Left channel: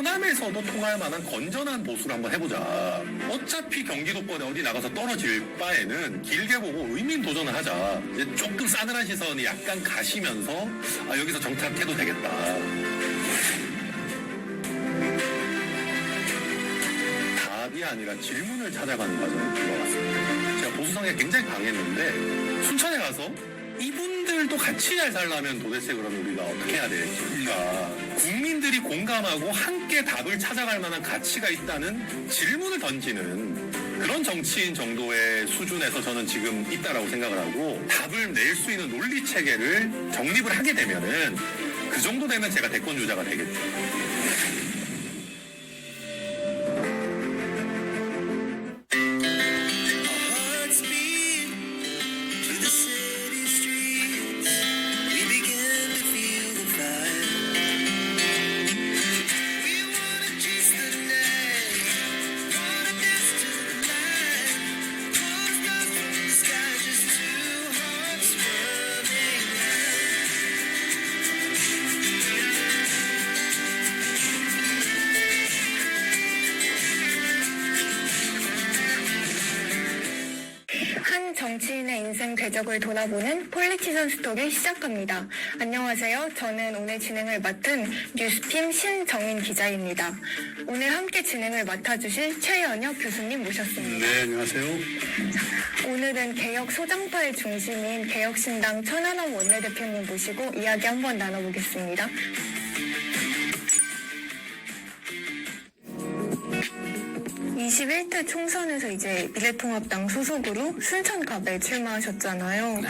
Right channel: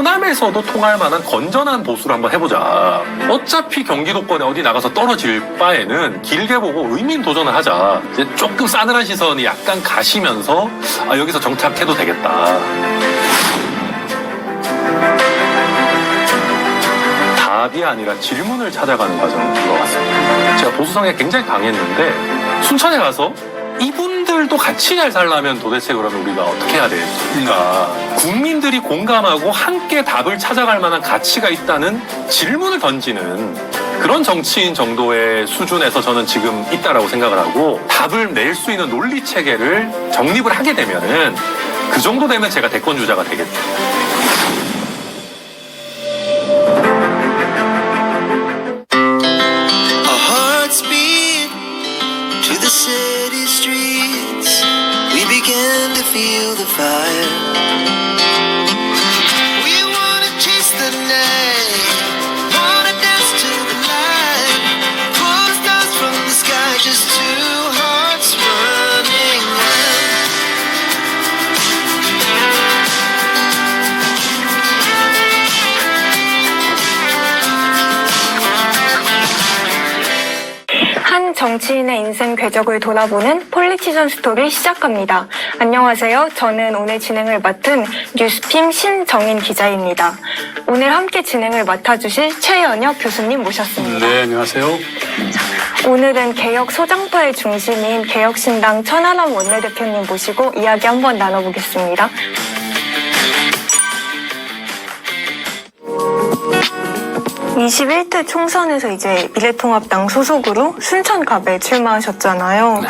호남에서도 통할 만한 건전한 보수를 한번 해보자. 어차피 경기도권에 어디 나가서 떨어질 바에는 길게 보고 의미 있는 도전을 하자. 이제 조금 싸늘한 시선이 약간 가시면서 여기서 정착해도 되겠다. 답이 아니라 질문을 찾아가는 과정을 들어왔습니다. 제가 보수 성향이 굉장히 강했는데 순천에 가서 이분들도 같이 잘 살려면 도대체 그러면 우리가 어떻게 해야 될까? 국민들이 공감하고 함께 답을 찾아갈 만한 가치가 있다는 질문을 던지는 그런 정치인 정도의 수준에서 저는 지금 있다라고 생각을 하고, 답을 낼 수 있는 논리 체계를 정립을 하게 되면은 그 정도 되면 제가 대권 주자가 되겠죠. City streets, we began to feel the fire. We wanna chase the night, wanna dance to the light, pull stars from the sky, just two hearts running wild. 한 정치인의 인생 궤적을 돌아보는 폴리티션 스토리 시작합니다. 안녕하세요. 저는 오늘 진행을 맡은 뉴스핌 신정인 기자입니다. 오늘 함께 진행을 맡아주실 최연혁 교수님 모셨습니다. 네, 안녕하세요. 오늘은 개혁 소장파의 중심인 개혁신당 천하람 원내대표님 모시고 이야기 한번 나눠보겠습니다. (21대) 총선에서 이제 미래통합당 소속으로 순천갑에 출마하셨잖아요.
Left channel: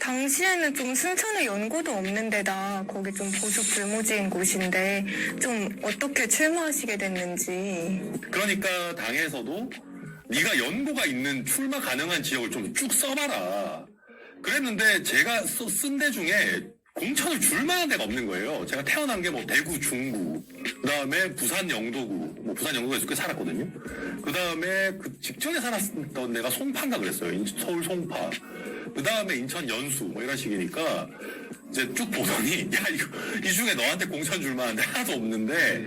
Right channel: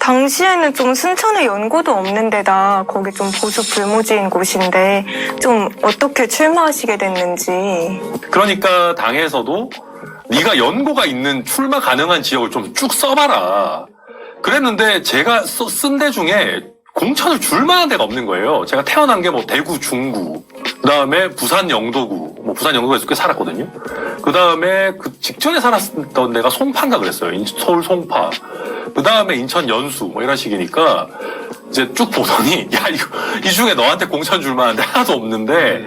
당시에는 좀 순천에 연고도 없는 데다 거기 좀 보수 불모지인 곳인데 좀 어떻게 출마하시게 됐는지. 그러니까 당에서도 네가 연고가 있는 출마 가능한 지역을 좀 쭉 써봐라 그랬는데, 제가 쓴 데 중에 공천을 줄 만한 데가 없는 거예요. 제가 태어난 게 뭐 대구 중구, 그 다음에 부산 영도구, 부산 영도구에서 꽤 살았거든요. 그 다음에 그 직전에 살았던 데가 송파인가 그랬어요. 서울 송파. 그 다음에 인천 연수, 이런 식이니까 이제 쭉 보더니, 야, 이 중에 너한테 공천 줄 만한 데 하나도 없는데,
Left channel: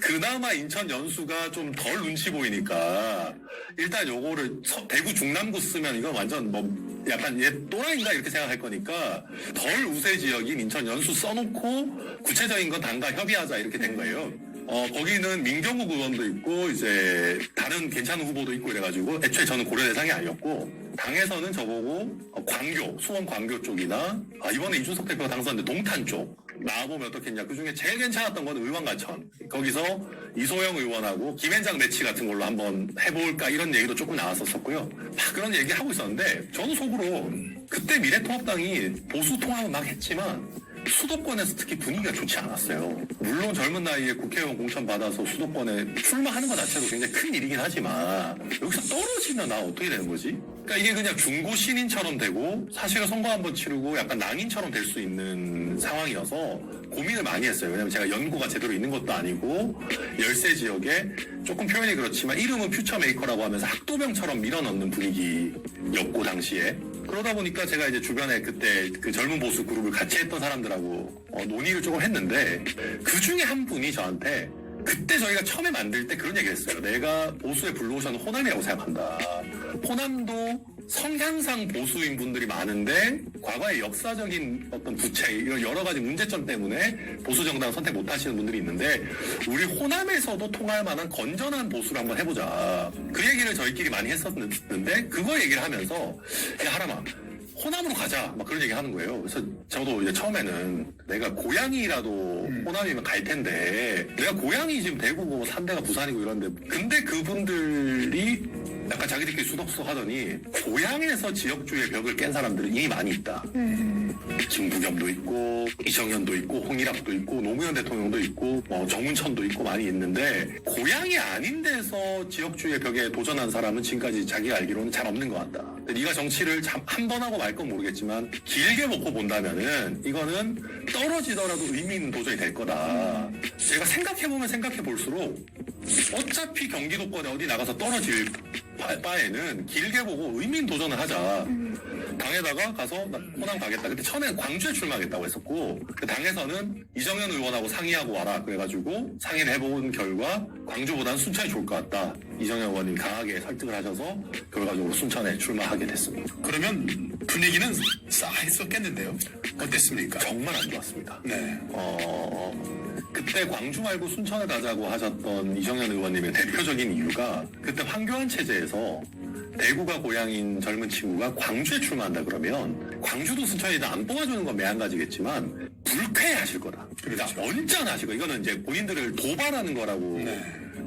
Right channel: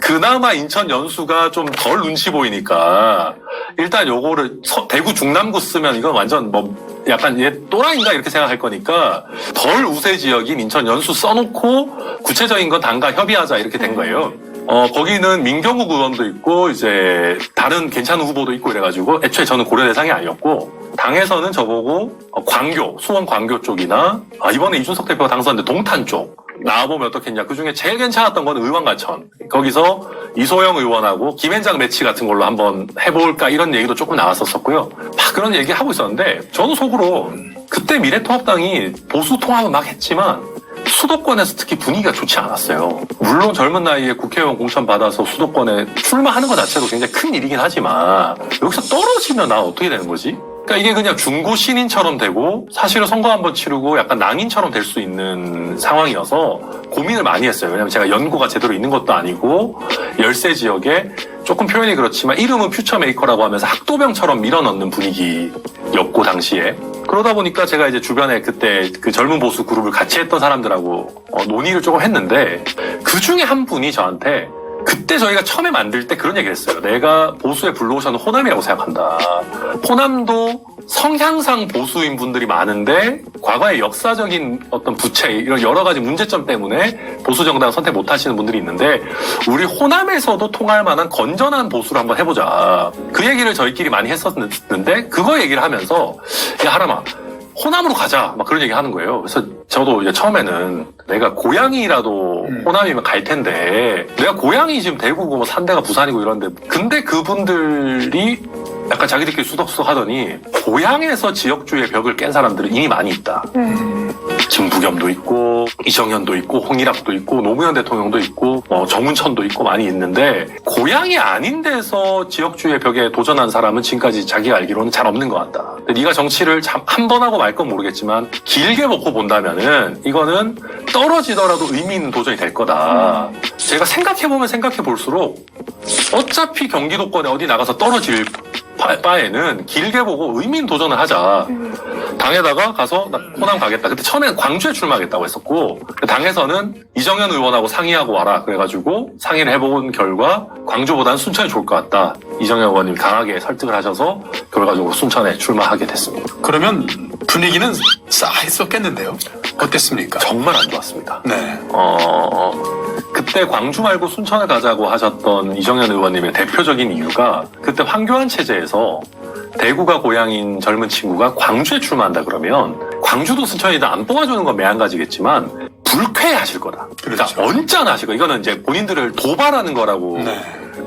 그나마 인천 연수가 좀 덜 눈치 보이니까, 일단 요거를 대구 중남구 쓰면 이건 완전 약간 얘 또라이인가 이렇게 생각할 거니까 덜 우세 지역인 인천 연수 써놓고 구체적인 건 당과 협의하자 이렇게 된 거예요. 거기는 민경욱 의원도 있고 이제 다른 괜찮은 후보도 있고 이래가지고 애초에 저는 고려 대상이 아니었고, 당에서는 저보고 광교, 수원 광교 쪽이나 이번에 이준석 대표가 당선인데 동탄 쪽 나와보면 어떻겠냐. 그중에 제일 괜찮았던 건 의왕가천. 거기서 이소영 의원하고 김앤장 매치 같은 걸로 한번 해볼까 이런 얘기도 조금 나왔었고요. 막 그런 얘기 하고 있었는데 저는 속으로 그때 미래통합당이 보수 통합은 막 했지만 수도권에서 특히 분위기가 좋지 않았어요. 물론 젊은 나이에 국회의원 공천 받아서 수도권에 출마하는 것 자체도 굉장히 큰 일이긴 하지만 여기서 떨어지면 나 어떻게 되는 거지? 그러니까 이게 그냥 중고 신인처럼 되고 사실은 선거 한번 치르고 약간 낭인처럼 될 수 있는 상황이어서 고민을 많이 했어요. 왜냐면 제가 연고가 제대로 있는 것도 아니고 열세 지역에 조금 표현이 그렇지만 이름은 퓨처메이커라고 하면서 학도병처럼 밀어넣는 분위기였고 당시에. 그러다 보니까 제가 이제 주변에 그때 그 젊은 보수 그룹을 같이 했던 사람들하고 논의를 조금 했는데, 그 중에 한 분이 저한테 그때 저희가 처음에 만들 때 그런 얘기를 했어요. 내가 보수의 블루오션은 호남이라고 생각한다. 호남도 성향상 보수인 분들이 많은데 과거의 역사적인 어떤 부채 이런 여러 가지 문제점 때문에 보수 정당 선택 못 하시는 분들이 있는데 우리 호남에서도 통할 만한 건전한 보수를 한번 해보자. 그 얘기를 저희끼리 많이 했었는데 그거 얘기를 하면서 야 하람아 호남으로 가자 막 그런 얘기 하는 거예요. 그래서 저도 이제 처음에는 내가 고향이라도 호남이면 갈 텐데 내가 고향이 지금 대구고 뭐 산대가 부산이고 이런데 근데 그분들이 약간 자기들끼리 수덕수덕 하더니 고향에서 지역주의 벽을 깬 사람들은 이미 많이 있다. 김부겸도 있고 이정현도 있고 홍일학도 있고 노무현 대통령도 있고 정운천도 있고 많이 있는데 고향이 아닌 데서 지역주의 벽에 도전한 사람은 지금까지 자기가 알기로는 잘 없는 것 같다. 근데 네가 정치를 한 번 하고 말 건 모르겠지만 길게 먹고 본다면은 이거는 떨어지더라도 의미 있는 도전이 될 거다. 제가 생각해보면 생각해볼수록 어차피 경기도권에 어디 나가서 떨어질 바에는 길게 보고 의미 있는 도전을 하자. 당에다가 가서 나 호남 가겠다. 그때 처음에는 광주에 출마하겠다고 했었고 당에서는 이정현 의원하고 상의하고 와라. 그래가지고 상의를 해본 결과 광주보다는 순천이 좋을 것 같다. 이정현 의원님이 강하게 설득을 하셔서 결과적으로 순천에 출마하게 됐습니다. 그러면 분위기는 싸했었겠는데요? 어땠습니까? 정말 안 좋았습니다. 네. 그때 광주 말고 순천을 가자고 하셨던 이정현 의원님의 대표적인 이유가 그때 황교안 체제에서 대구가 고향인 젊은 친구가 광주에 출마한다 그러면 광주도 순천이다 안 뽑아주는 건 매한가지겠지만 불쾌해하실 거다. 그러니까 그렇죠. 언짢아하실 거. 이거는 이제 본인들을 도발하는 거라고. 네.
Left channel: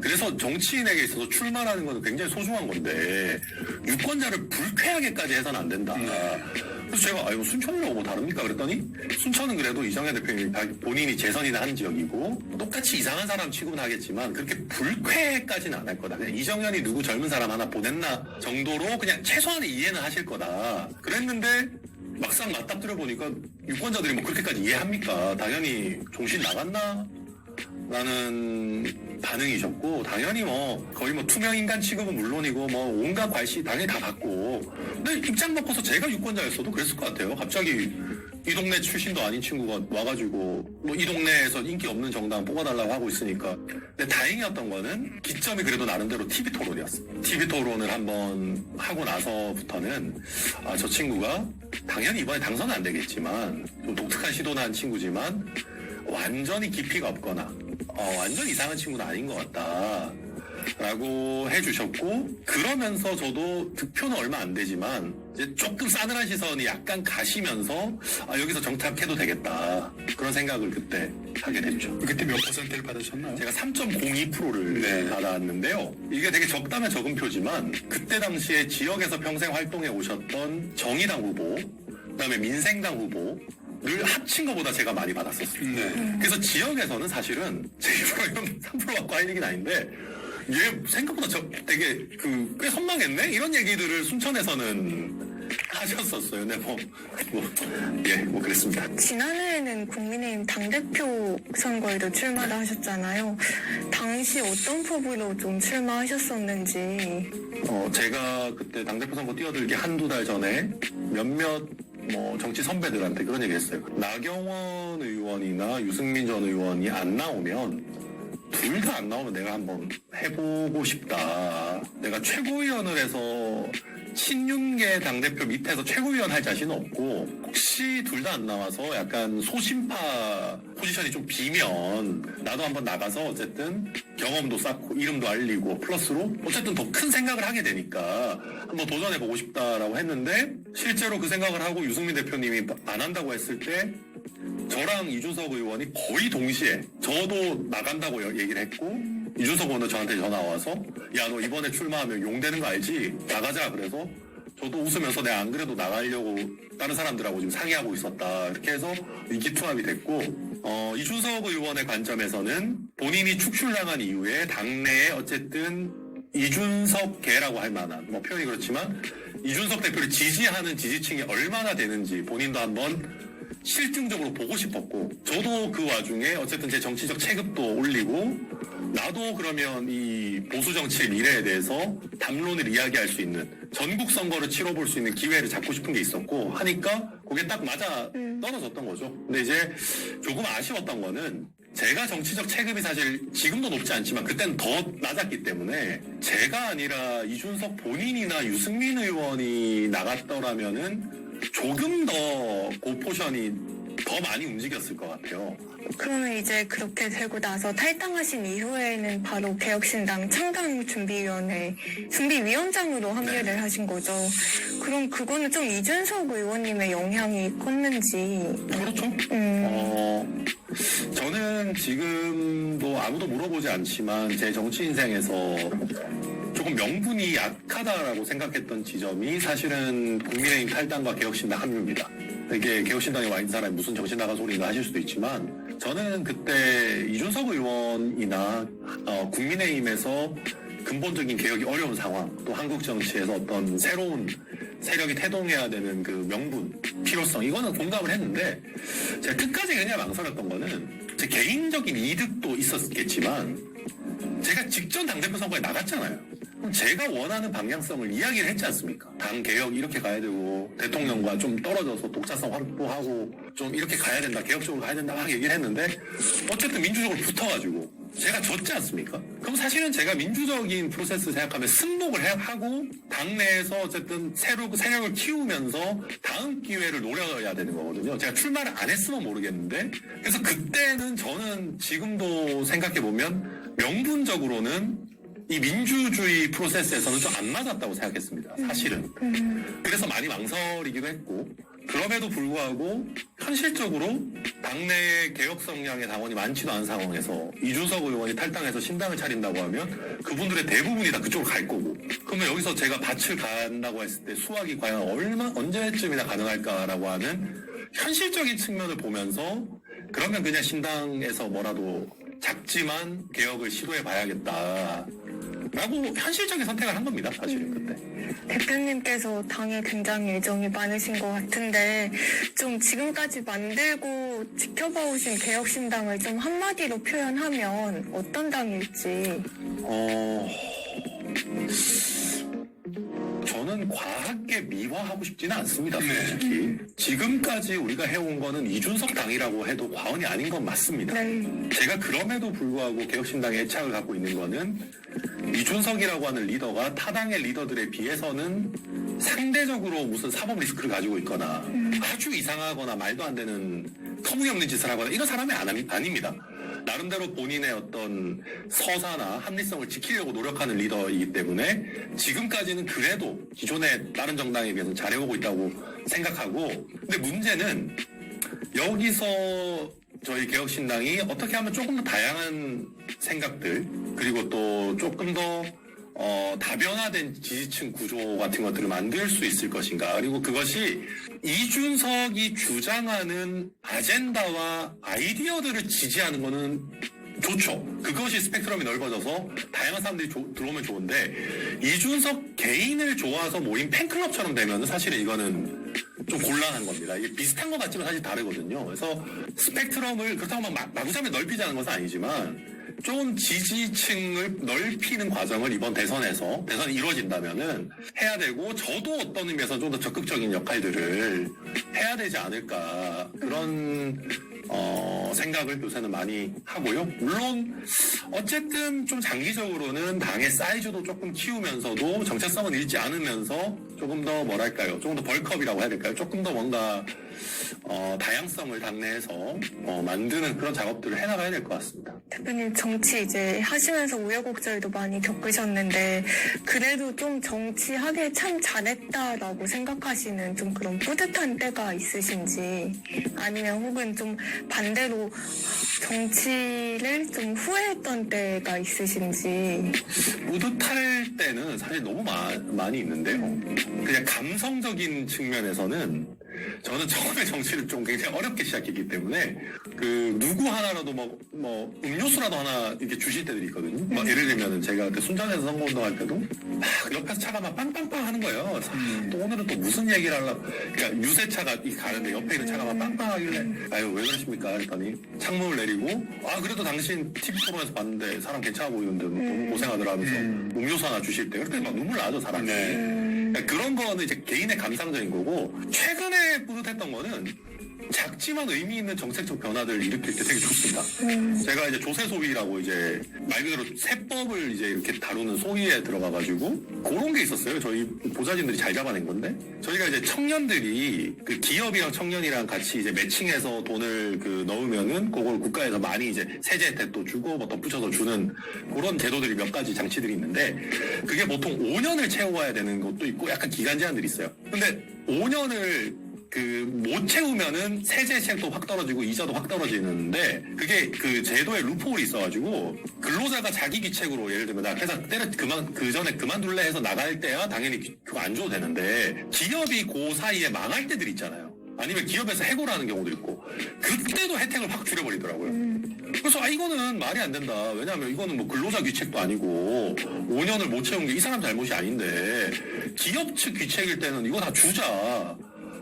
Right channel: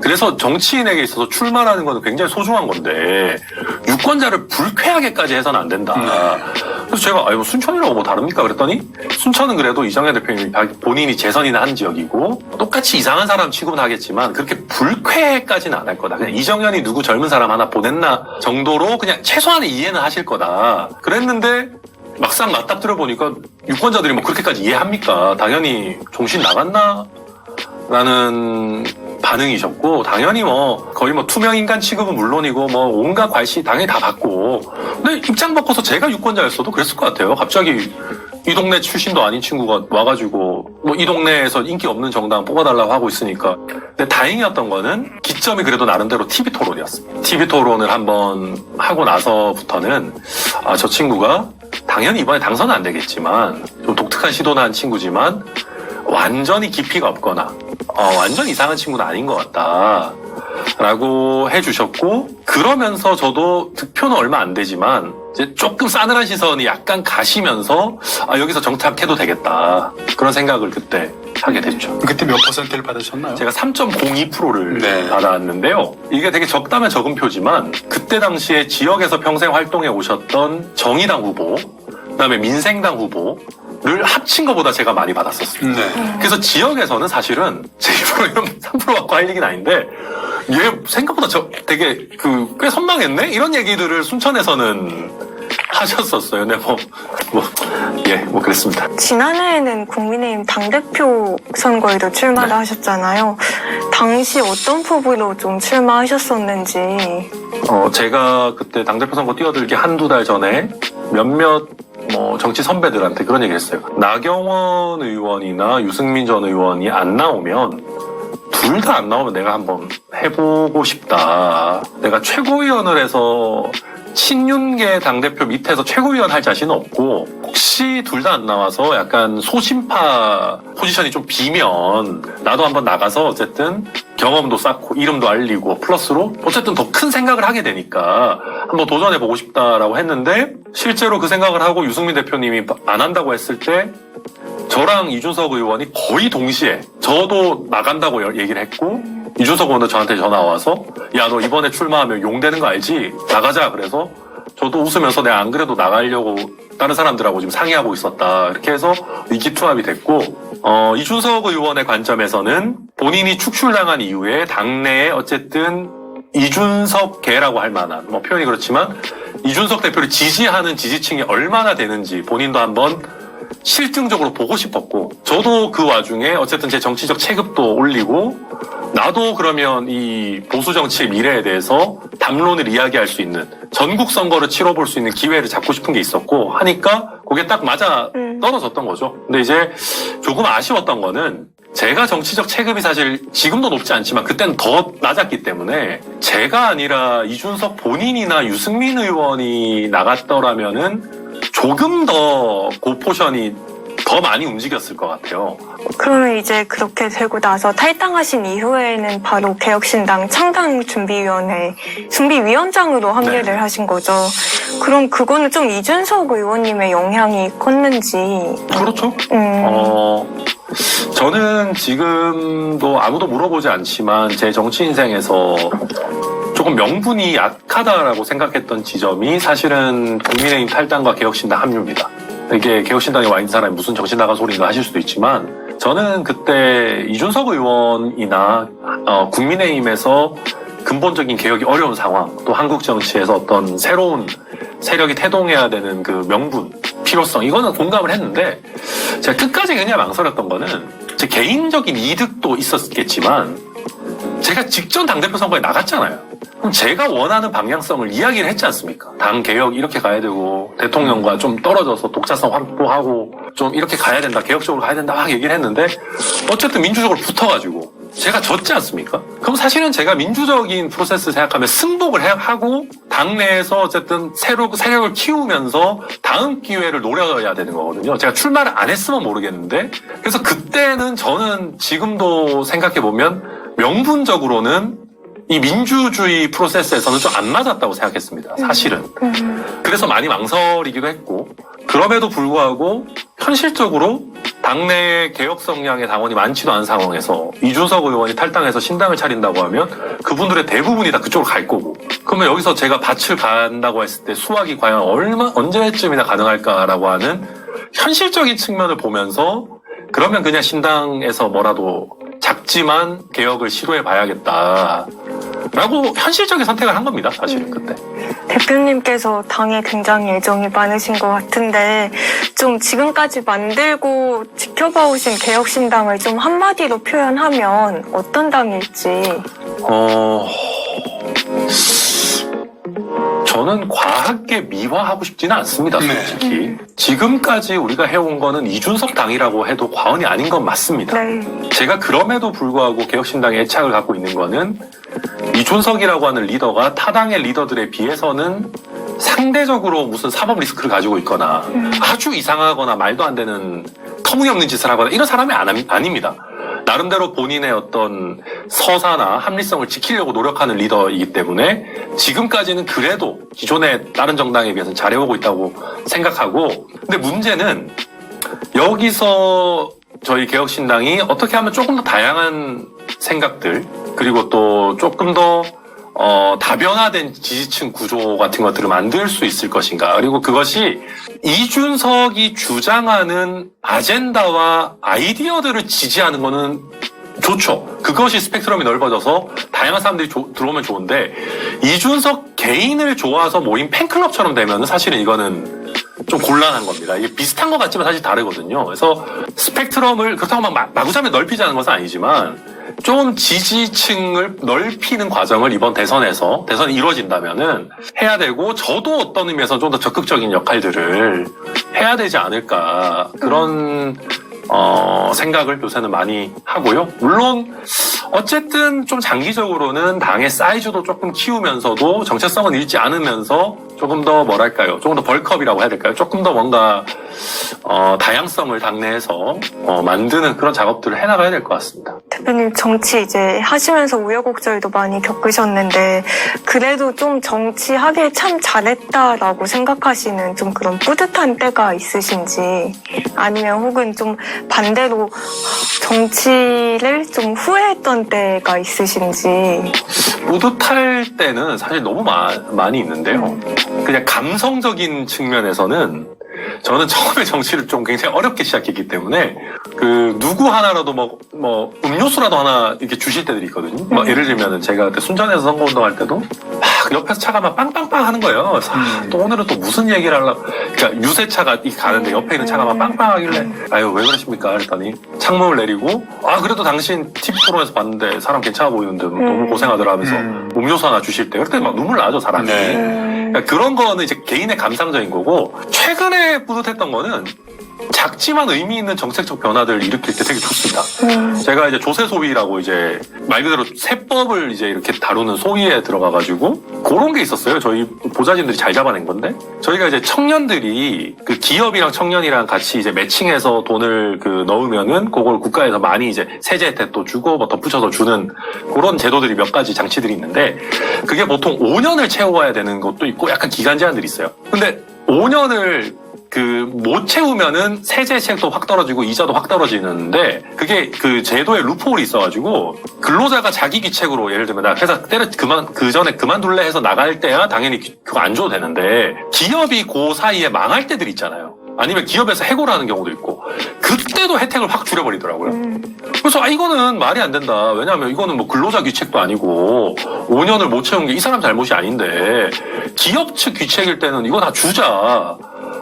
그래서 정치인에게 있어서 출마라는 건 굉장히 소중한 건데 유권자를 불쾌하게까지 해서는 안 된다. 그래서 제가 뭐 순천이라고 뭐 다릅니까? 그랬더니 순천은 그래도 이정현 대표님이 본인이 재선이나 한 지역이고 똑같이 이상한 사람 취급은 하겠지만 그렇게 불쾌까지는 안 할 거다. 그냥 이정현이 누구 젊은 사람 하나 보냈나 정도로 그냥 최소한의 이해는 하실 거다. 그랬는데 막상 맞닥뜨려 보니까 유권자들이 뭐 그렇게까지 이해합니까? 당연히 정신 나갔나? 라는 반응이셨고 당연히 뭐 거의 뭐 투명 인간 취급은 물론이고 뭐 온갖 괄시 당연히 다 받고 근데 입장 바꿔서 제가 유권자였어도 그랬을 것 같아요. 갑자기 이 동네 출신도 아닌 친구가 와가지고 뭐 이 동네에서 인기 없는 정당 뽑아달라고 하고 있으니까 근데 다행이었던 거는 기점이 그래도 나름대로 TV 토론이었습니다. TV 토론을 한번 하고 나서부터는 아, 저 친구가 당연히 이번에 당선은 안 되겠지만 좀 독특한 시도는 한 친구지만 완전히 깊이가 없거나 완전 이상한 친구는 아닌 것 같다 라고 해주셨고 그러면서 저도 득표는 얼마 안 되지만 이제 조금 싸늘한 시선이 약간 가시면서 아, 여기서 정착해도 되겠다 그런 생각을 그때 하게 됐죠. 그때 몇 퍼센트를 받으셨나요? 제가 3.02%를 네. 받았는데요. 이게 되게 적다면 적은 표지만 그때 당시에 지역에서 평생 활동해 오셨던 정의당 후보 그다음에 민생당 후보를 합친 것보다 제가 많이 받았었어요. 네. 그래서 지역에서는 사실은 제 입으로 이런 3% 갖고 할 얘기는 아닌데 얘 생각보다 되게 꽤 선망했네? 이런 얘기들을 순천에서는 하셨었어요. 근데 뭐 그랬습니다. 지난해에는 국민의힘 당대표 선거에도 출마를 하셨잖아요. 당시 어떤 포부로 좀 출마하셨었는지. 제가 그때 당대표 선거 뛰어들기 한두 달 전에 몇몇 정치 선배들한테 그런 얘기 했어요. 나경원 의원이나 유승민 전 의원이 안 나오면 둘 다 안 나오면 내가 한번 해보고 싶다. 내가 최고위원을 해서 친윤계 당대표 밑에서 최고위원 할 자신은 없고 혹시 둘 다 안 나와서 약간 소심파 포지션이 좀 비면 나도 한번 나가서 어쨌든 경험도 쌓고 이름도 알리고 플러스로 어쨌든 더 큰 생각을 하게 되니까 한번 도전해보고 싶다라고 했는데 실제로 그 생각을 하고 유승민 대표님이 안 한다고 했을 때 저랑 이준석 의원이 거의 동시에 저도 나간다고 얘기를 했고 이준석 의원도 저한테 전화 와서 야, 너 이번에 출마하면 용되는 거 알지? 나가자. 그래서 저도 웃으면서 내가 안 그래도 나가려고 다른 사람들하고 지금 상의하고 있었다. 이렇게 해서 의기투합이 됐고 이준석 의원의 관점에서는 본인이 축출당한 이후에 당내에 어쨌든 이준석계라고 할 만한 표현이 그렇지만 이준석 대표를 지지하는 지지층이 얼마나 되는지 본인도 한번 실증적으로 보고 싶었고 저도 그 와중에 어쨌든 제 정치적 체급도 올리고 나도 그러면 이 보수 정치의 미래에 대해서 담론을 이야기할 수 있는 전국 선거를 치러볼 수 있는 기회를 잡고 싶은 게 있었고 하니까 그게 딱 맞아 떨어졌던 거죠. 근데 이제 조금 아쉬웠던 거는 제가 정치적 체급이 사실 지금도 높지 않지만 그때는 더 낮았기 때문에 제가 아니라 이준석 본인이나 유승민 의원이 나갔더라면은 조금 더 그 포션이 더 많이 움직였을 것 같아요. 그러면 이제 그렇게 되고 나서 탈당하신 이후에는 바로 개혁신당 창당준비위원회 준비위원장으로 합류를 네. 하신 거죠. 그럼 그거는 좀 이준석 의원님의 영향이 컸는지. 그렇죠. 저는 지금도 아무도 물어보지 않지만 제 정치 인생에서 조금 명분이 약하다라고 생각했던 지점이 사실은 국민의힘 탈당과 개혁신당 합류입니다. 이게 개혁신당에 와 있는 사람이 무슨 정신 나간 소리인가 하실 수도 있지만 저는 그때 이준석 의원이나 국민의힘에서 근본적인 개혁이 어려운 상황 또 한국 정치에서 어떤 새로운 세력이 태동해야 되는 그 명분, 필요성 이거는 공감을 했는데 제가 끝까지 그냥 망설였던 거는 제 개인적인 이득도 있었겠지만 제가 직전 당대표 선거에 나갔잖아요. 그럼 제가 원하는 방향성을 이야기를 했지 않습니까? 당 개혁 이렇게 가야 되고 대통령과 좀 떨어져서 독자성 확보하고 좀 이렇게 가야 된다, 개혁적으로 가야 된다 막 얘기를 했는데 어쨌든 민주적으로 붙어가지고 제가 졌지 않습니까? 그럼 사실은 제가 민주적인 프로세스 생각하면 승복을 하고 당내에서 어쨌든 세력을 키우면서 다음 기회를 노려야 되는 거거든요. 제가 출마를 안 했으면 모르겠는데 그래서 그때는 저는 지금도 생각해보면 명분적으로는 이 민주주의 프로세스에서는 좀 안 맞았다고 생각했습니다. 사실은. 그래서 많이 망설이기도 했고 그럼에도 불구하고 현실적으로 당내 개혁 성향의 당원이 많지도 않은 상황에서 이준석 의원이 탈당해서 신당을 차린다고 하면 그분들의 대부분이 다 그쪽으로 갈 거고 그러면 여기서 제가 밭을 간다고 했을 때 수확이 과연 언제쯤이나 가능할까라고 하는 현실적인 측면을 보면서 그러면 그냥 신당에서 뭐라도 작지만 개혁을 시도해 봐야겠다. 라고 현실적인 선택을 한 겁니다. 사실은 그때. 대표님께서 당에 굉장히 애정이 많으신 것 같은데 좀 지금까지 만들고 지켜봐 오신 개혁신당을 좀 한마디로 표현하면 어떤 당일지. 저는 과하게 미화하고 싶지는 않습니다. 솔직히. 지금까지 우리가 해온 거는 이준석 당이라고 해도 과언이 아닌 건 맞습니다. 네. 제가 그럼에도 불구하고 개혁신당에 애착을 갖고 있는 거는 이준석이라고 하는 리더가 타당의 리더들에 비해서는 상대적으로 무슨 사법 리스크를 가지고 있거나 아주 이상하거나 말도 안 되는 터무니없는 짓을 하거나 이런 사람이 아닙니다. 나름대로 본인의 어떤 서사나 합리성을 지키려고 노력하는 리더이기 때문에 지금까지는 그래도 기존의 다른 정당에 비해서는 잘해오고 있다고 생각하고 근데 문제는 여기서 저희 개혁신당이 어떻게 하면 조금 더 다양한 생각들 그리고 또 조금 더 다변화된 지지층 구조 같은 것들을 만들 수 있을 것인가. 그리고 그것이 이준석이 주장하는 아젠다와 아이디어들을 지지하는 거는 좋죠. 그것이 스펙트럼이 넓어져서 다양한 사람들이 들어오면 좋은데 이준석 개인을 좋아서 모인 팬클럽처럼 되면 사실은 이거는 좀 곤란한 겁니다. 이게 비슷한 것 같지만 사실 다르거든요. 그래서 스펙트럼을 그렇다고 마구잡이 넓히자는 것은 아니지만 좀 지지층을 넓히는 과정을 이번 대선이 이루어진다면은 해야 되고 저도 어떤 의미에서 좀 더 적극적인 역할들을 해야 되지 않을까 그런 생각을 요새는 많이 하고요. 물론 어쨌든 좀 장기적으로는 당의 사이즈도 조금 키우면서도 정체성은 잃지 않으면서 조금 더 뭐랄까요? 조금 더 벌크업이라고 해야 될까요? 조금 더 뭔가 다양성을 당내에서 만드는 그런 작업들을 해나가야 될 것 같습니다. 대표님 정치 이제 하시면서 우여곡절도 많이 겪으셨는데 그래도 좀 정치하길 참 잘했다라고 생각하시는 좀 그런 뿌듯한 때가 있으신지 아니면 혹은 좀 반대로 정치를 좀 후회했던 때가 있으신지. 뿌듯할 때는 사실 너무 많이 있는데요. 그냥 감성적인 측면에서는 저는 처음에 정치를 좀 굉장히 어렵게 시작했기 때문에 그 누구 하나라도 뭐 음료수라도 하나 이렇게 주실 때들이 있거든요. 뭐 예를 들면은 제가 그때 순천에서 선거운동할 때도 막 옆에서 차가 막 빵빵빵 하는 거예요. 그래서 또 오늘은 또 무슨 얘기를 하려고 그러니까 유세차가 가는데 옆에 있는 차가 막 빵빵 하길래 아유 왜 그러십니까 그랬더니 창문을 내리고 그래도 당신 TV 토론에서 봤는데 사람 괜찮아 보이는데 너무 고생하더라 하면서 음료수 하나 주실 때 그때 막 눈물 나죠 사람이. 그러니까 그런 거는 이제 개인의 감상적인 거고 최근에 뿌듯했던 거는 작지만 의미 있는 정책적 변화들을 일으킬 때 되게 좋습니다. 제가 이제 조세 소위라고 이제 말 그대로 세법을 이제 이렇게 다루는 소위에 들어가가지고 그런 게 있었어요. 저희 보좌진들이 잘 잡아낸 건데 저희가 이제 청년들이 그 기업이랑 청년이랑 같이 이제 매칭해서 돈을 그 넣으면은 그걸 국가에서 많이 이제 세제 혜택도 주고 뭐 덧붙여서 주는 그런 제도들이 몇 가지 장치들이 있는데 그게 보통 5년을 채워야 되는 것도 있고 약간 기간 제한들이 있어요. 근데 5년을 못 채우면은 세제 혜택도 확 떨어지고 이자도 확 떨어지는데 그게 그 제도에 루프홀이 있어가지고 근로자가 자기 귀책으로 예를 들면 나 회사 그 전에 그만둘래 해서 나갈 때야 당연히 그거 안 줘도 되는데 기업이 그 사이에 망할 때들이 있잖아요. 아니면 기업에서 해고를 하는 경우도 있고 그때도 혜택을 확 줄여버리더라고요. 그래서 이거는 말이 안 된다. 왜냐하면 이거는 뭐 근로자 귀책도 아니고 5년을 못 채운 게 이 사람 잘못이 아닌데 기업 측 귀책일 때는 이거 다 주자.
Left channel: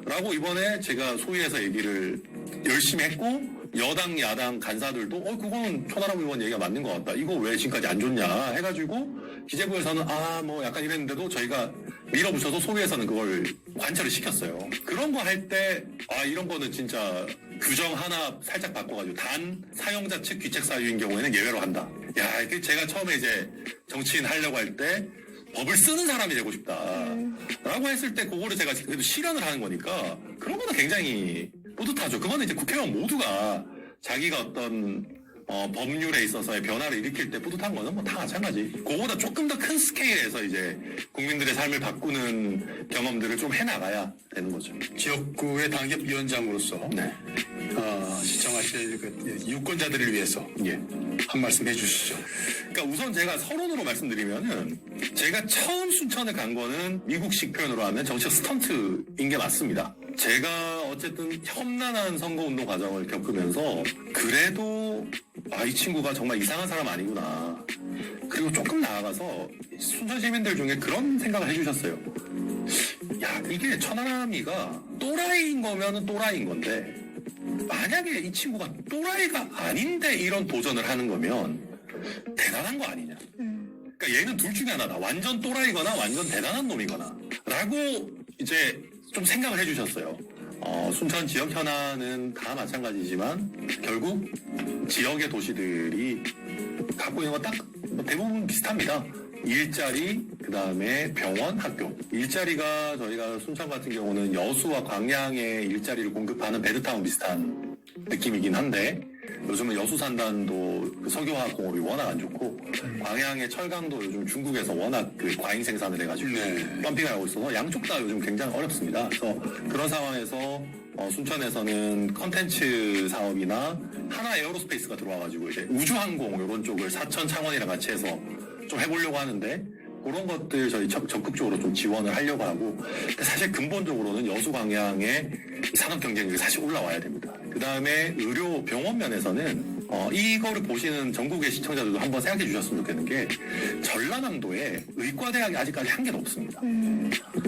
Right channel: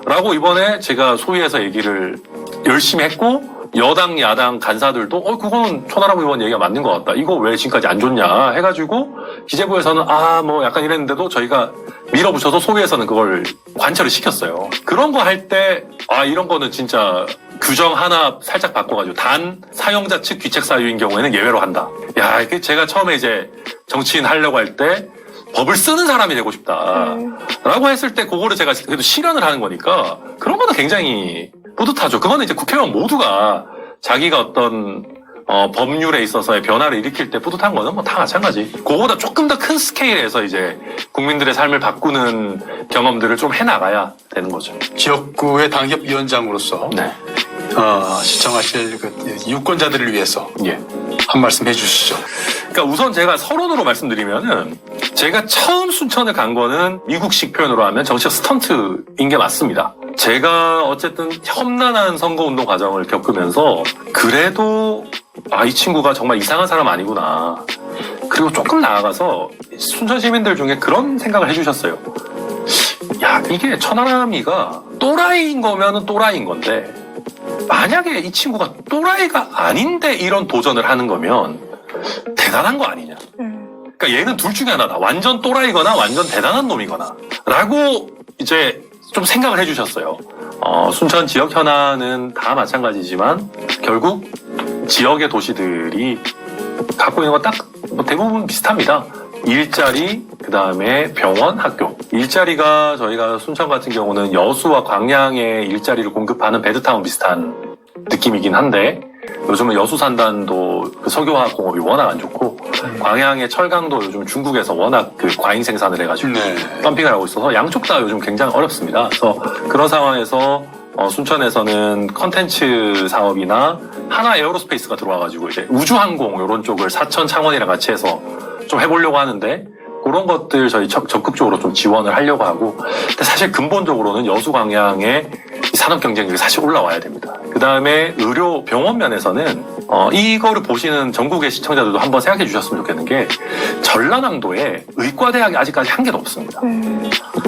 라고 이번에 제가 소위에서 얘기를 열심히 했고 여당 야당 간사들도 그거는 천하람 의원 얘기가 맞는 것 같다. 이거 왜 지금까지 안 줬냐 해가지고 기재부에서는 뭐 약간 이랬는데도 저희가 밀어붙여서 소위에서는 그걸 관철을 시켰어요. 그런 거 할 때 이런 거는 진짜 규정 하나 살짝 바꿔가지고 단 사용자 측 귀책 사유인 경우에는 예외로 한다. 야, 이게 제가 처음에 이제 정치인 하려고 할 때 법을 쓰는 사람이 되고 싶다라고 했을 때 그거를 제가 그래도 실현을 하는 거니까 그런 거는 굉장히 뿌듯하죠. 그거는 이제 국회의원 모두가 자기가 어떤 법률에 있어서의 변화를 일으킬 때 뿌듯한 거는 뭐 다 마찬가지. 그거보다 조금 더 큰 스케일에서 이제 국민들의 삶을 바꾸는 경험들을 좀 해나가야 되는 거죠. 지역구의 당협위원장으로서 네. 시청하실 그 유권자들을 위해서 예. 한 말씀 해주시죠. 그러니까 우선 제가 서론으로 말씀드리면은 제가 처음 순천을 간 거는 미국식 표현으로 하면 정치적 스턴트인 게 맞습니다. 제가 어쨌든 험난한 선거운동 과정을 겪으면서 그래도 이 친구가 정말 이상한 사람 아니구나. 그리고 조금 나아가서 순천 시민들 중에 그런 생각을 해주셨어요. 야, 이게 천하람이가 또라이인 거면은 또라이인 건데 만약에 이 친구가 또라이가 아닌데 이런 도전을 하는 거면 대단한 거 아니냐. 그러니까 얘는 둘 중에 하나다. 완전 또라이거나 완전 대단한 놈이거나 라고 이제 좀 생각을 해주셨어요. 순천 지역 현안은 다 마찬가지지만 결국 지역의 도시들이 갖고 있는 건 딱 대부분 비슷합니다. 일자리, 그 다음에 병원, 학교. 일자리가 저희가 순천 같은 경우는 여수와 광양에 일자리를 공급하는 베드타운 비슷한 느낌이긴 한데 요즘은 여수 산단도 그 석유화학 공업이 워낙 안 좋고 광양의 철강도 요즘 중국에서 워낙 그 과잉 생산을 해가지고 덤핑을 하고 있어서 양쪽 다 요즘 굉장히 어렵습니다. 그래서 그런 상황에서 순천에서는 컨텐츠 사업이나 하나 에어로스페이스가 들어와가지고 이제 우주항공 이런 쪽을 사천 창원이랑 같이 해서 좀 해보려고 하는데 그런 것들 저희 적극적으로 좀 지원을 하려고 하고 근데 사실 근본적으로는 여수 광양의 산업 경쟁력이 사실 올라와야 됩니다. 그 다음에 의료 병원 면에서는 이거를 보시는 전국의 시청자들도 한번 생각해 주셨으면 좋겠는 게 전라남도에 의과대학이 아직까지 한 개도 없습니다.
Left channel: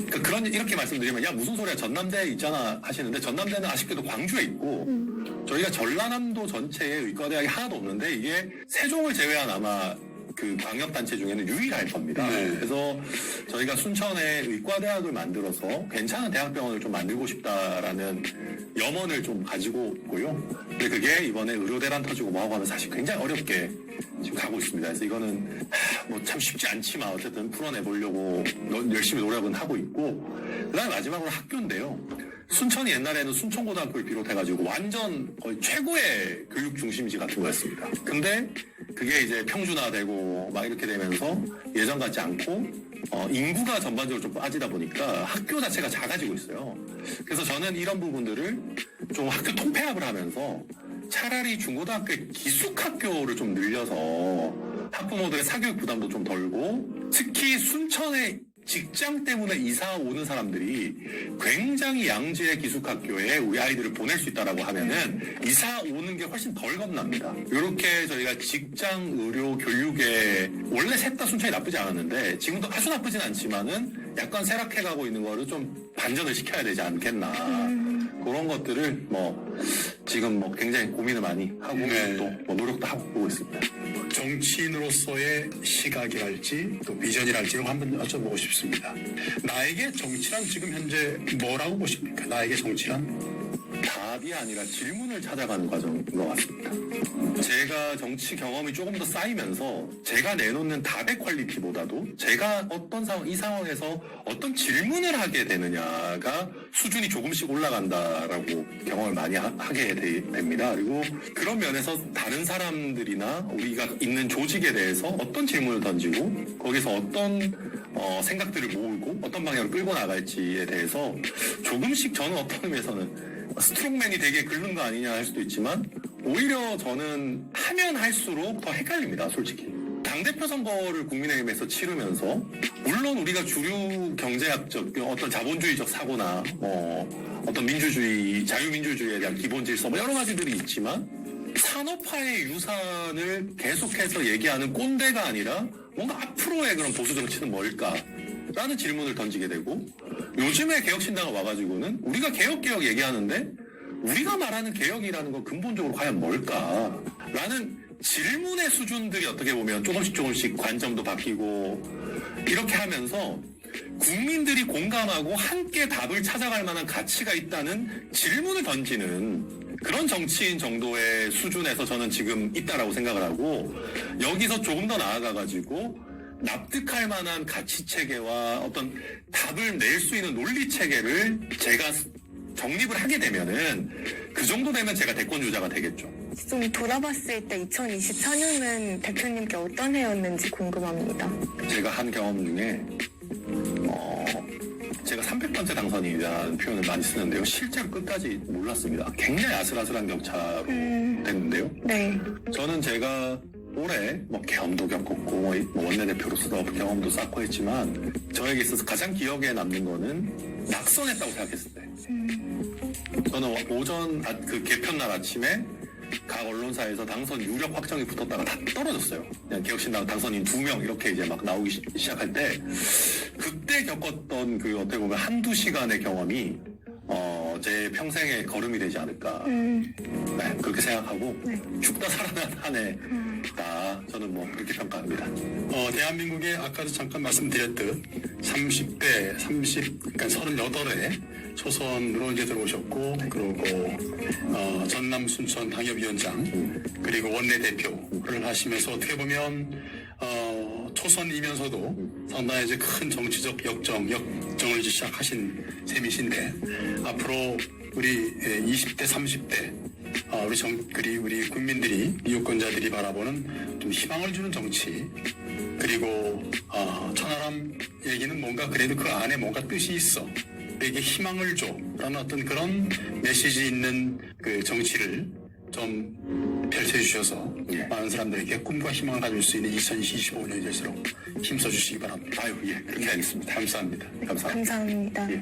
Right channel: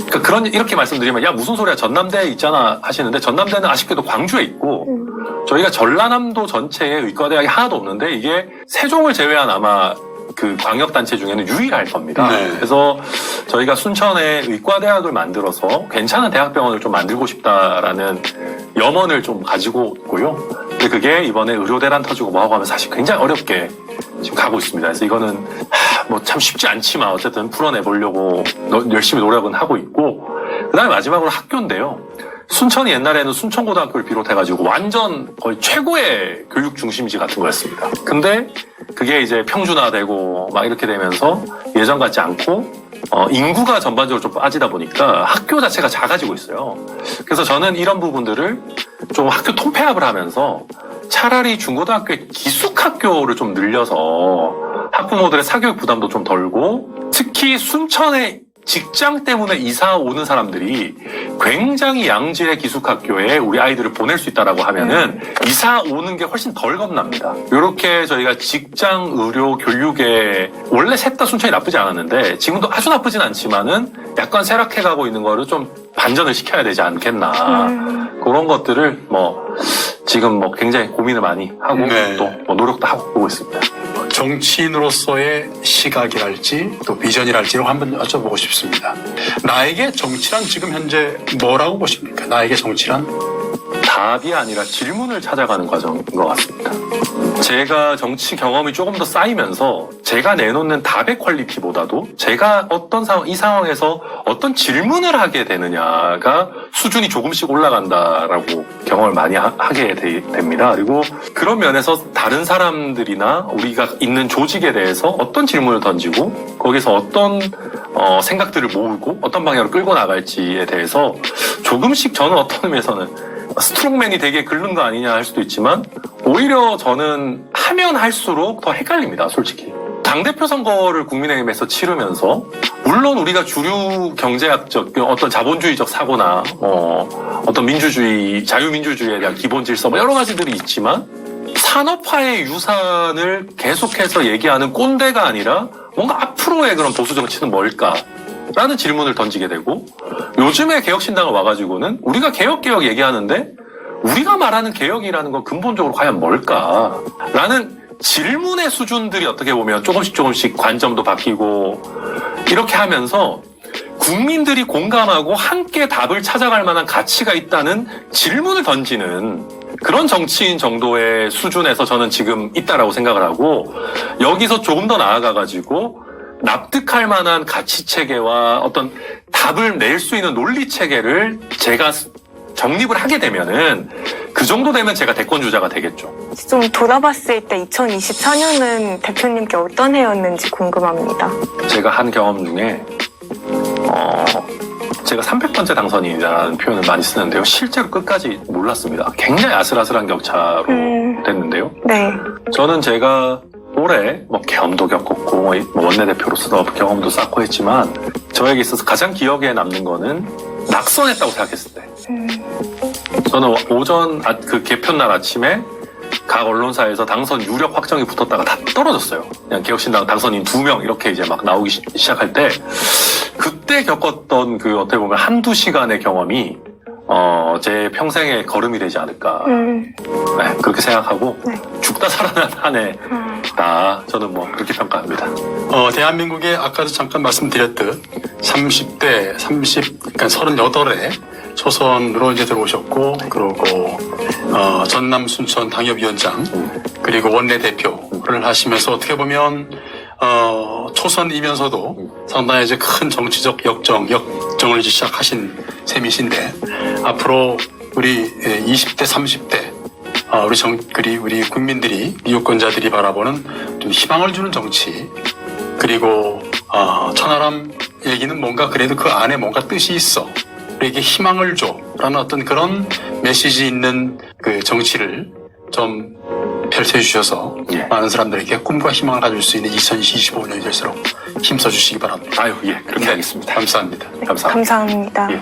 그러니까 이렇게 말씀드리면 야 무슨 소리야 전남대 있잖아 하시는데 전남대는 아쉽게도 광주에 있고 저희가 전라남도 전체에 의과대학이 하나도 없는데 이게 세종을 제외한 아마 그 광역단체 중에는 유일할 겁니다. 네. 그래서 저희가 순천에 의과대학을 만들어서 괜찮은 대학병원을 좀 만들고 싶다라는 염원을 좀 가지고 있고요. 근데 그게 이번에 의료대란 터지고 뭐하고 하면 사실 굉장히 어렵게 지금 가고 있습니다. 그래서 이거는 뭐 참 쉽지 않지만 어쨌든 풀어내보려고 열심히 노력은 하고 있고 그 다음에 마지막으로 학교인데요. 순천이 옛날에는 순천고등학교를 비롯해가지고 완전 거의 최고의 교육 중심지 같은 거였습니다. 근데 그게 이제 평준화되고 막 이렇게 되면서 예전 같지 않고 인구가 전반적으로 좀 빠지다 보니까 학교 자체가 작아지고 있어요. 그래서 저는 이런 부분들을 좀 학교 통폐합을 하면서 차라리 중고등학교의 기숙학교를 좀 늘려서 학부모들의 사교육 부담도 좀 덜고 특히 순천의 직장 때문에 이사 오는 사람들이 굉장히 양질의 기숙학교에 우리 아이들을 보낼 수 있다라고 하면은 이사 오는 게 훨씬 덜 겁납니다. 이렇게 저희가 직장, 의료, 교육에 원래 셋 다 순천이 나쁘지 않았는데 지금도 아주 나쁘진 않지만은 약간 쇠락해가고 있는 거를 좀 반전을 시켜야 되지 않겠나. 그런 것들을 지금 굉장히 고민을 많이 하고 또 노력도 하고 보고 있습니다. 정치인으로서의 시각이랄지 또 비전이랄지를 한번 여쭤보고 싶습니다. 나에게 정치란 지금 현재 뭐라고 보십니까? 나에게 정치란? 답이 아니라 질문을 찾아가는 과정인 것 같습니다. 제가 정치 경험이 조금 더 쌓이면서 제가 내놓는 답의 퀄리티보다도 제가 어떤 이 상황에서 어떤 질문을 하게 되느냐가 수준이 조금씩 올라간다라고 경험을 많이 하게 됩니다. 그리고 그런 면에서 다른 사람들이나 우리가 있는 조직에 대해서 어떤 질문을 던지고 거기서 어떤 생각들을 모으고 어떤 방향으로 끌고 나갈지에 대해서 조금씩 저는 어떤 의미에서는 스트롱맨이 되게 긁는 거 아니냐 할 수도 있지만 오히려 저는 하면 할수록 더 헷갈립니다. 솔직히. 당대표 선거를 국민의힘에서 치르면서 물론 우리가 주류 경제학적 어떤 자본주의적 사고나 어떤 민주주의, 자유민주주의에 대한 기본 질서 여러 가지들이 있지만 산업화의 유산을 계속해서 얘기하는 꼰대가 아니라 뭔가 앞으로의 그런 보수 정치는 뭘까? 라는 질문을 던지게 되고 요즘에 개혁신당을 와가지고는 우리가 개혁 얘기하는데 우리가 말하는 개혁이라는 건 근본적으로 과연 뭘까라는 질문의 수준들이 어떻게 보면 조금씩 관점도 바뀌고 이렇게 하면서 국민들이 공감하고 함께 답을 찾아갈 만한 가치가 있다는 질문을 던지는 그런 정치인 정도의 수준에서 저는 지금 있다라고 생각을 하고, 여기서 조금 더 나아가가지고 납득할 만한 가치 체계와 어떤 답을 낼 수 있는 논리 체계를 제가 정립을 하게 되면은 그 정도 되면 제가 대권 주자가 되겠죠. 좀 돌아봤을 때 2024년은 대표님께 어떤 해였는지 궁금합니다. 제가 한 경험 중에 제가 300번째 당선인이라는 표현을 많이 쓰는데요. 실제로 끝까지 몰랐습니다. 굉장히 아슬아슬한 격차로 됐는데요. 네. 저는 제가 올해 경험도 겪었고 원내대표로서도 경험도 쌓고 했지만 저에게 있어서 가장 기억에 남는 거는 낙선했다고 생각했을 때. 저는 오전 그 개편날 아침에 각 언론사에서 당선 유력 확정이 붙었다가 다 떨어졌어요. 그냥 개혁신당 당선인 2명 이렇게 이제 막 나오기 시작할 때 그때 겪었던 그 어떻게 보면 한두 시간의 경험이 제 평생의 걸음이 되지 않을까. 네, 그렇게 생각하고 네. 죽다 살아난 한 해다. 저는 그렇게 평가합니다. 대한민국의 아까도 잠깐 말씀드렸듯 30대, 그러니까 38에 초선으로 이제 들어오셨고, 그리고 전남 순천 당협위원장, 그리고 원내대표를 하시면서 어떻게 보면 초선이면서도 상당히 이제 큰 정치적 역정을 이제 시작하신 셈이신데, 앞으로 우리 20대, 30대 우리 국민들이, 유권자들이 바라보는 좀 희망을 주는 정치, 그리고 천하람 얘기는 뭔가 그래도 그 안에 뭔가 뜻이 있어, 우리에게 희망을 줘라는 어떤 그런 메시지 있는 그 정치를 좀 펼쳐주셔서 예. 많은 사람들에게 꿈과 희망을 가질 수 있는 2025년이 될수록 힘써주시기 바랍니다. 그렇게 하겠습니다. 감사합니다. 감사합니다. 감사합니다. 예.